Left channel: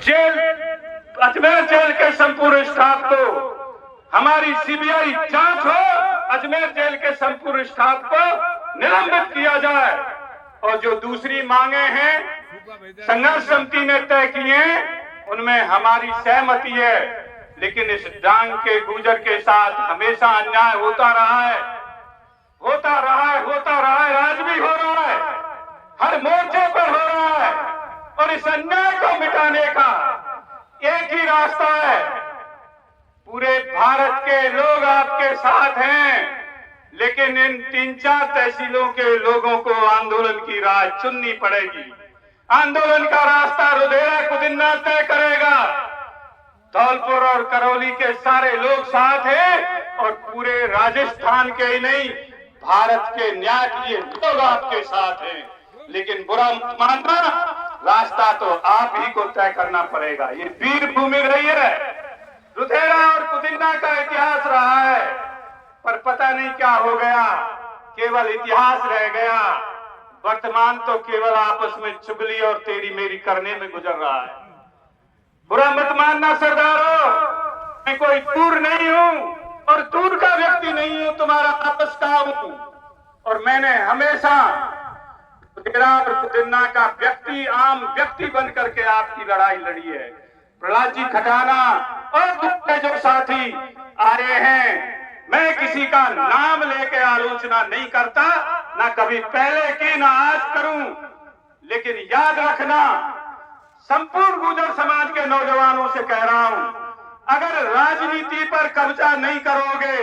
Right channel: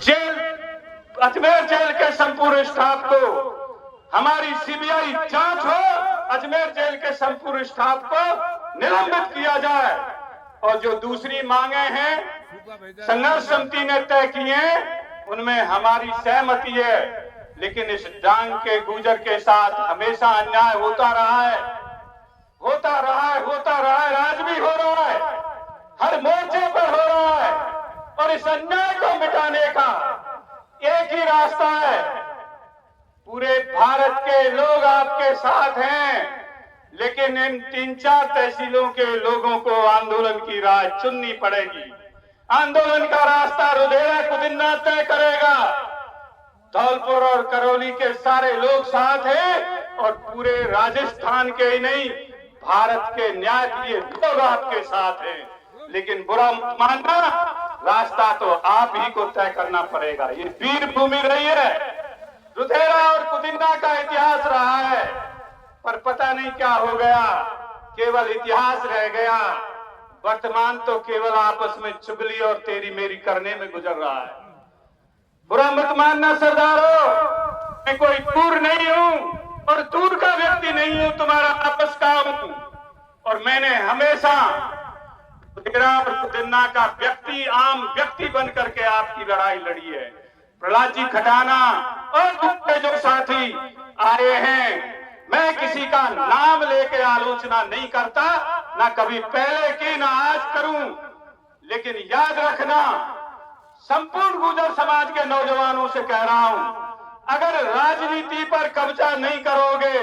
Jail, Ajmer jail के संपूर्ण staff को, हमारी सीबीआई जांच हो, अजमेर जेल के संपूर्ण स्टाफ को निलंबित किया जाए। और जो दूसरी मांगे हैं संघर्ष समिति ने तय की हैं, उनमें हमारी सहमति है, लेकिन इस डांग के गुजर के साथ हमेशा अन्याय होता रहा है, होता रहा है, होता रहा है, आज भी हो रहा है, हर मोर्चे पर हो रहा है। और इस अन्याय को मिटाने का एक ही रास्ता है। पूरे भारत के लोग आपके साथ हैं, लेकिन इन 3-4 तहसीलों के लोगों को आंदोलन की राह चुननी पड़ेगी। आंदोलन का रास्ता रुधेरा कुदिन्ना तय करेगा। धौलपुर और करौली के सारे लोग साथ हैं और पूरे राजस्थान के ही नहीं, भारत के न्याय के लिए लोग आपके साथ हैं। लेकिन बुरा मत मानना, रास्ता तो आप ही को तय करना पड़ेगा। ये वीर भूमि रही है, रुधेरा और कुदिन्ना का इतिहास रहा है, पर पता नहीं क्या हो गया, केवल इतिहास रह गया। वर्तमान तो केवल आपस में चुगली और तेरी मेरी करने में गुजर रहा है। बुरा मत मानना सरदारों, मैं कोई दूर नहीं हूं और दूर का व्यक्ति नहीं हूं, तुम्हारा आपस का हूं। और मैंने हमेशा रुधेरा और कुदिन्ना का व्यक्ति, आम व्यक्ति बन करके आपकी लड़ाई लड़ी है। प्रहलाद जी खटाना और दूसरे जो साथी आए हैं, मैं किसी का नाम लेके आलोचना नहीं करता, ना कभी पहले की ना आज करूं, लेकिन याद रखना, संपूर्ण गुर्जर समाज के नौजवानों से कह रहा हूं, अगर राजनीति पर कब्जा नहीं करोगे,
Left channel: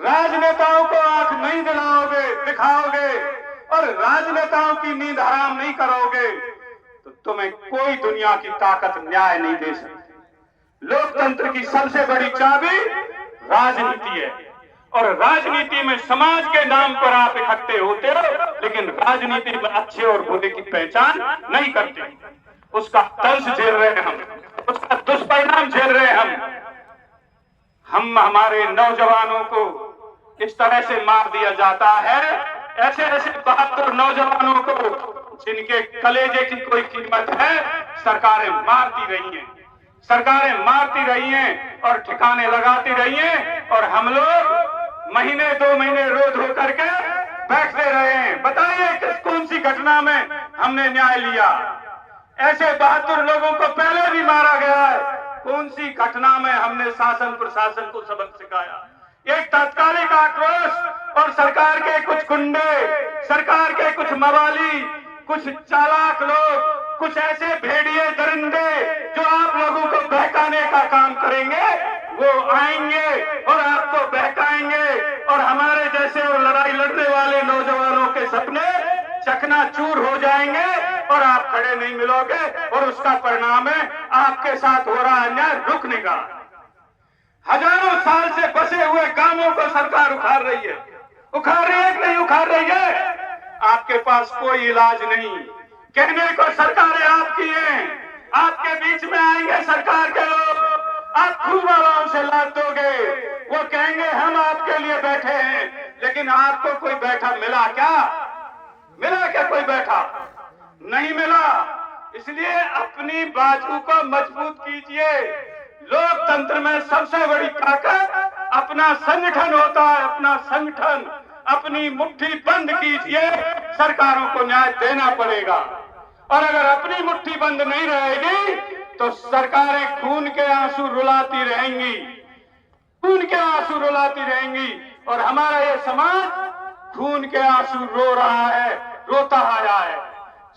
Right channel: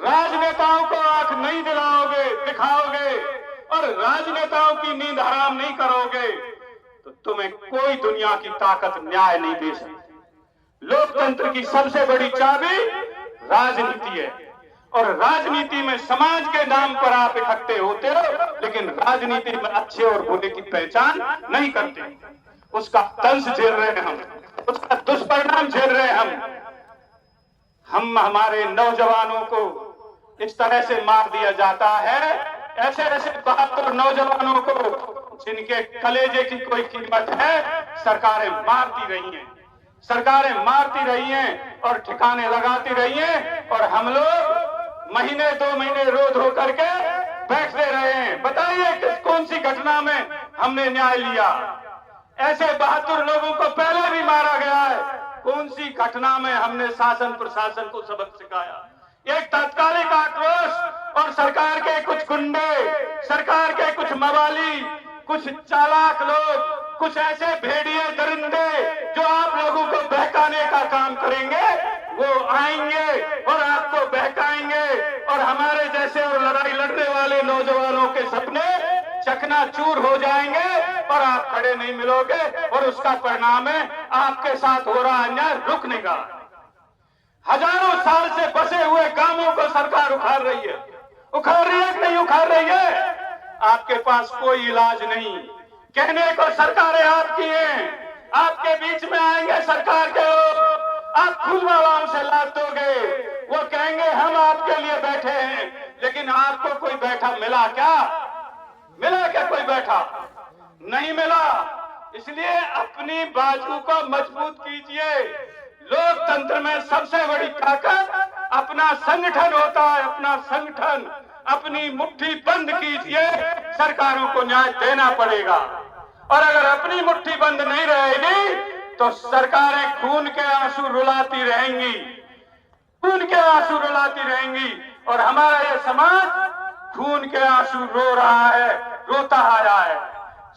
राजनेताओं को आंख नहीं दिखाओगे और राजनेताओं की नींद हराम नहीं करोगे, तो तुम्हें कोई दुनिया की ताकत न्याय नहीं दे सकती। लोकतंत्र की सबसे बड़ी चाबी राजनीति है और राजनीति में समाज के नाम पर आप इकट्ठे होते हो, लेकिन राजनीति में अच्छे और बुरे की पहचान नहीं करते। उसका तंज झेल रहे हैं हम, उसका दुष्परिणाम झेल रहे हैं हम। हमारे नौजवानों को इस तरह से मार दिया जाता है, ऐसे ऐसे बहादुर नौजवानों को जिनके कलेजे की कोई कीमत है, सरकारें मारती रही हैं, सरकारें मारती रही हैं और ठिकाने लगाती रही हैं, और हम लोग महीने 2 महीने रो धो करके बैठते रहे हैं। बताइए कौन सी घटना में हमने न्याय लिया? ऐसे बहादुर लोगों को पहले भी मारा गया है, कौन सी घटना में हमने शासन प्रशासन को सबक सिखाया? एक तात्कालिक आक्रोश और सरकार के कुछ गुंडे, सरकार के कुछ मवाली, कुछ चालाक लोग, कुछ ऐसे भेड़िए दरिंदे जो आप लोगों को बहकाने का काम करेंगे, वो आएंगे और आपको बहकाएंगे और हमारे जैसे और लड़ाई लड़ने वाले नौजवानों के सपने चकनाचूर हो जाएंगे और आप खड़े नहीं मिलोगे, और उसका परिणाम है आपके साथ हो रहा अन्याय रुकने का। हजारों साल से बसे हुए गांवों को सरकार उखाड़ रही है, उखाड़ रही है कि नहीं उखाड़ रही है? आपके पास कोई इलाज नहीं, कहने को सरकारें आपकी हैं, आपके बीच में आएंगे सरकार के लोग, आप खूब आराम से लाद दोगे, वो कहेंगे हम आपके लिए बैठे हैं, लेकिन आपको कोई बैठा मिला क्या? मिला क्या कोई बैठा? नहीं मिला। इसलिए अपनी बाजू को मजबूत कीजिए। लोकतंत्र में सबसे बड़ी ताकत अपना संगठन होता है, अपना संगठन। अपनी मुट्ठी बंद कीजिए, सरकारों को न्याय देना पड़ेगा। और अगर अपनी मुट्ठी बंद नहीं रहेगी तो सरकारें खून के आंसू रुलाती रहेंगी, खून के आंसू रुलाती रहेंगी, और हमारा ये समाज खून के आंसू रो रहा है, रोता आ रहा है।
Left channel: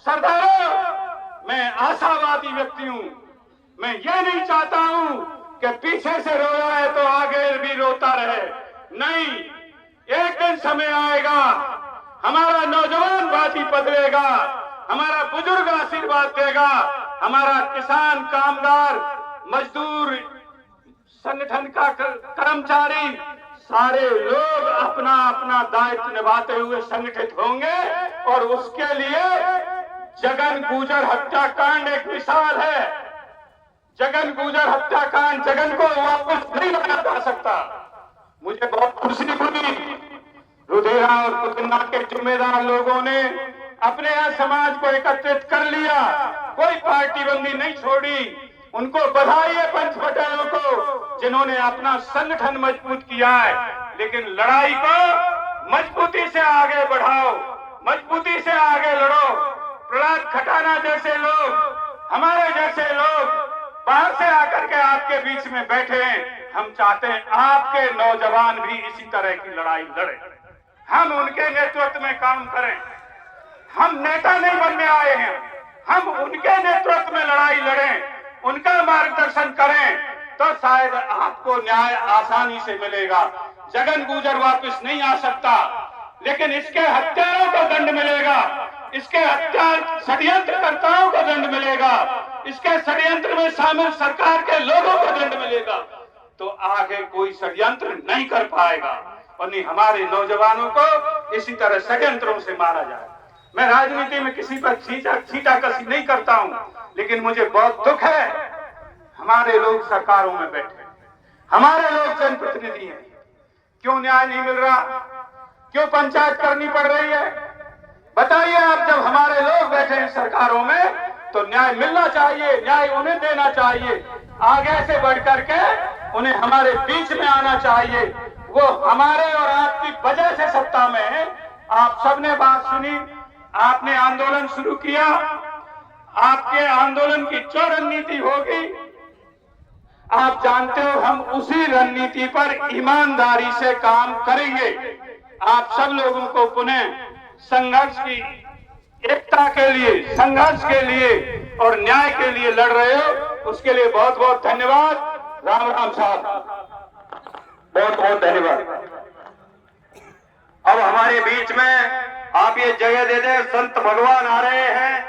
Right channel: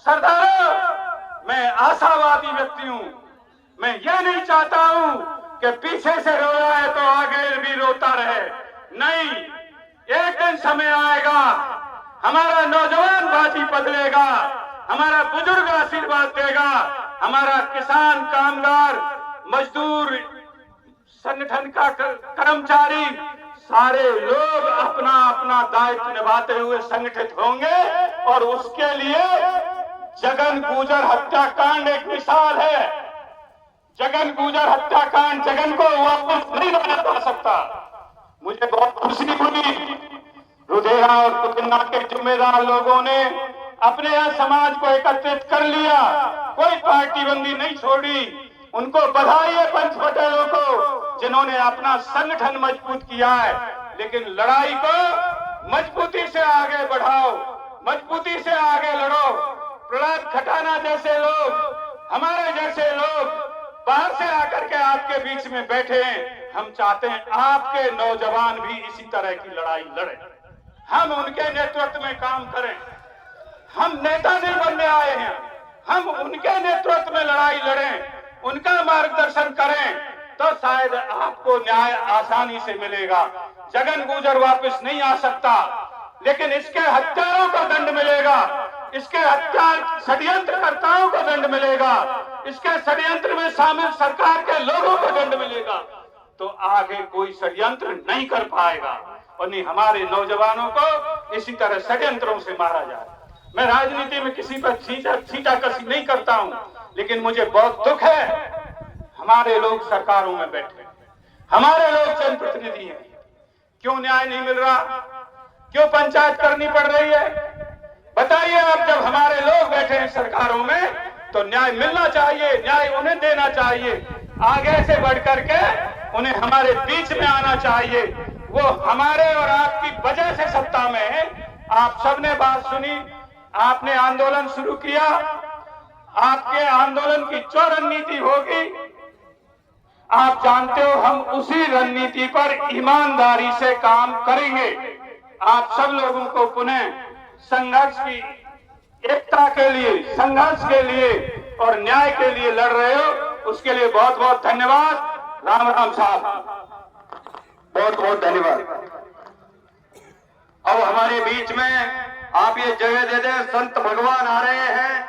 सरदारों, मैं आशावादी व्यक्ति हूं, मैं यह नहीं चाहता हूं कि पीछे से रो रहा है तो आगे भी रोता रहे। नहीं, एक दिन समय आएगा, हमारा नौजवान बाजी बदलेगा, हमारा बुजुर्ग आशीर्वाद देगा, हमारा किसान, कामगार, मजदूर, संगठन का कर्मचारी, सारे लोग अपना अपना दायित्व निभाते हुए संगठित होंगे। और उसके लिए जगन गुर्जर हत्याकांड एक मिसाल है। जगन गुर्जर हत्याकांड, जगन को वापस नहीं लाया जा सकता। मुझे बहुत खुशी हुई, रुधेरा और कुदिन्ना के जिम्मेदार लोगों ने अपने यहाँ समाज को एकत्रित कर लिया, कोई पार्टी बंदी नहीं छोड़ी, उनको बधाई है पंच पटेलों को, जिन्होंने अपना संगठन मजबूत किया है। लेकिन लड़ाई को मजबूती से आगे बढ़ाओ, मजबूती से आगे लड़ो। प्रहलाद खटाना जैसे लोग, हमारे जैसे लोग बाहर से आकर के आपके बीच में बैठे हैं। हम चाहते हैं आपके नौजवान भी इसी तरह की लड़ाई लड़े, हम उनके नेतृत्व में काम करें। हम नेता नहीं बनने आए हैं, हम उनके नेतृत्व में लड़ाई लड़ें, उनका मार्गदर्शन करें, तो शायद आपको न्याय आसानी से मिलेगा। जगन गुर्जर वापस नहीं आ सकता, लेकिन इसके हत्यारों को दंड मिलेगा, इसके हत्या षड्यंत्रकर्ताओं को दंड मिलेगा, इसके षड्यंत्र में शामिल सरकार के लोगों को दंड मिलेगा। तो आगे कोई षड्यंत्र नहीं कर पाएगा, वरनी हमारे नौजवानों को इसी तरह षड्यंत्रों से मारा जाए। मैं राजनीति में किसी पर छींटाकशी नहीं करता हूं, लेकिन मुझे बहुत दुख है, हमारे लोग सरकारों में बैठे, हमारे लोग जनप्रतिनिधि हैं, क्यों न्याय नहीं मिल रहा, क्यों पंचायत करनी पड़ रही है? बताइए आप, जब हमारे लोग बैठे हैं सरकारों में तो न्याय मिलना चाहिए, न्याय उन्हें देना चाहिए, आगे से बढ़ करके उन्हें हमारे बीच में आना चाहिए। वो हमारे और आपकी वजह से सत्ता में है। आप सबने बात सुनी, आपने आंदोलन शुरू किया, आपके आंदोलन की जो रणनीति होगी आप जानते हो, हम उसी रणनीति पर ईमानदारी से काम करेंगे। आप सब लोगों को पुनः संघर्ष की एकता के लिए, संघर्ष के लिए और न्याय के लिए लड़ रहे हो, उसके लिए बहुत बहुत धन्यवाद। राम राम साहब, बहुत बहुत धन्यवाद। अब हमारे बीच में आप ये जगह दे दें, संत भगवान आ रहे हैं।